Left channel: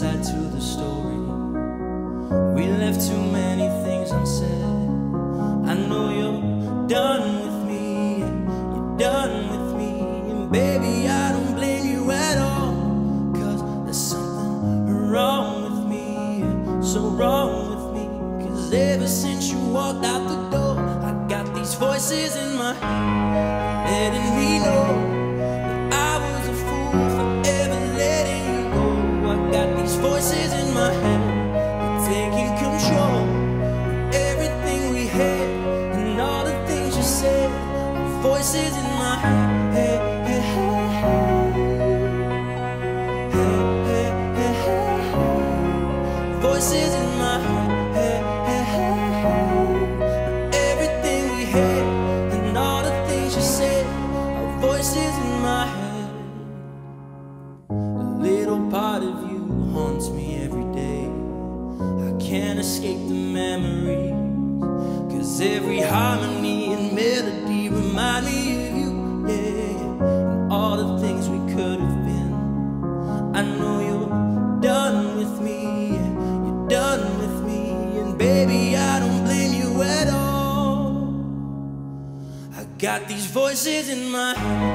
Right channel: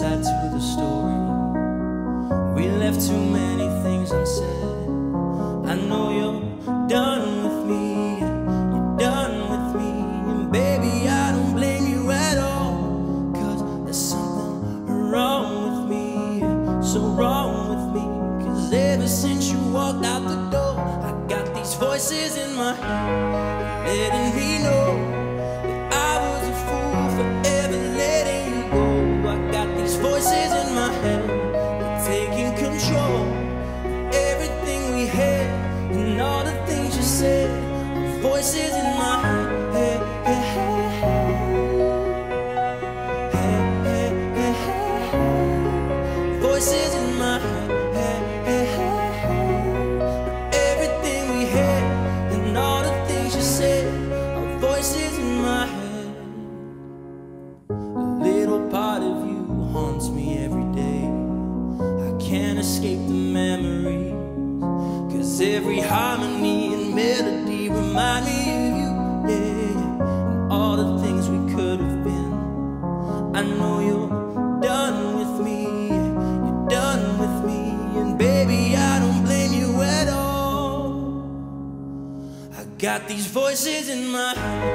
side to the story. We left too many things unsaid. I know you're done with me, yeah, you're done with me. And baby, I don't blame you at all, 'cause there's something wrong with me, yeah, so wrong with me. 'Cause ever since you walked out the door, I got these voices in my head letting me know that I was a fool for ever letting you go. I got these voices in my head, they're taking control of everything we had and all the things you said. Voices in my head, hey, hey, hey, hey, hey, hey, hey, hey. Voices in my head, hey, hey, hey, hey. Everything we had and all the things you said are voices in my head. A little part of you haunts me every day. I can't escape the memories, 'cause every harmony and melody remind me of you, yeah, yeah. And all the things we could have been. I know you're done with me, yeah, you're done with me. And baby, I don't blame you at all. I got these voices in my head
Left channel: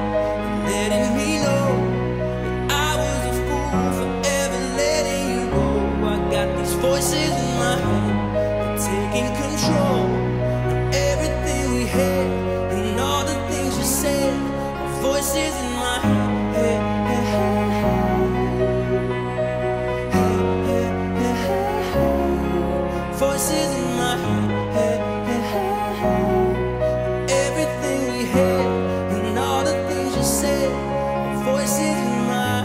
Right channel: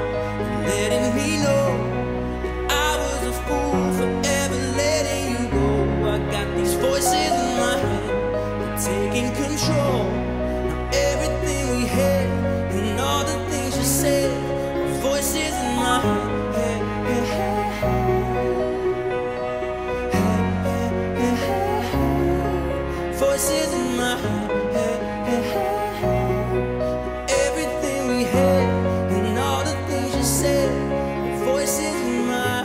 letting me know that I was a fool for ever letting you go. I got these voices in my head, they're taking control of everything we had and all the things you said. Voices in my head, hey, hey, hey, hey. Hey, hey, hey, hey, hey. Voices in my head, hey, hey, hey, hey. Everything we had and all the things you said. Voices in my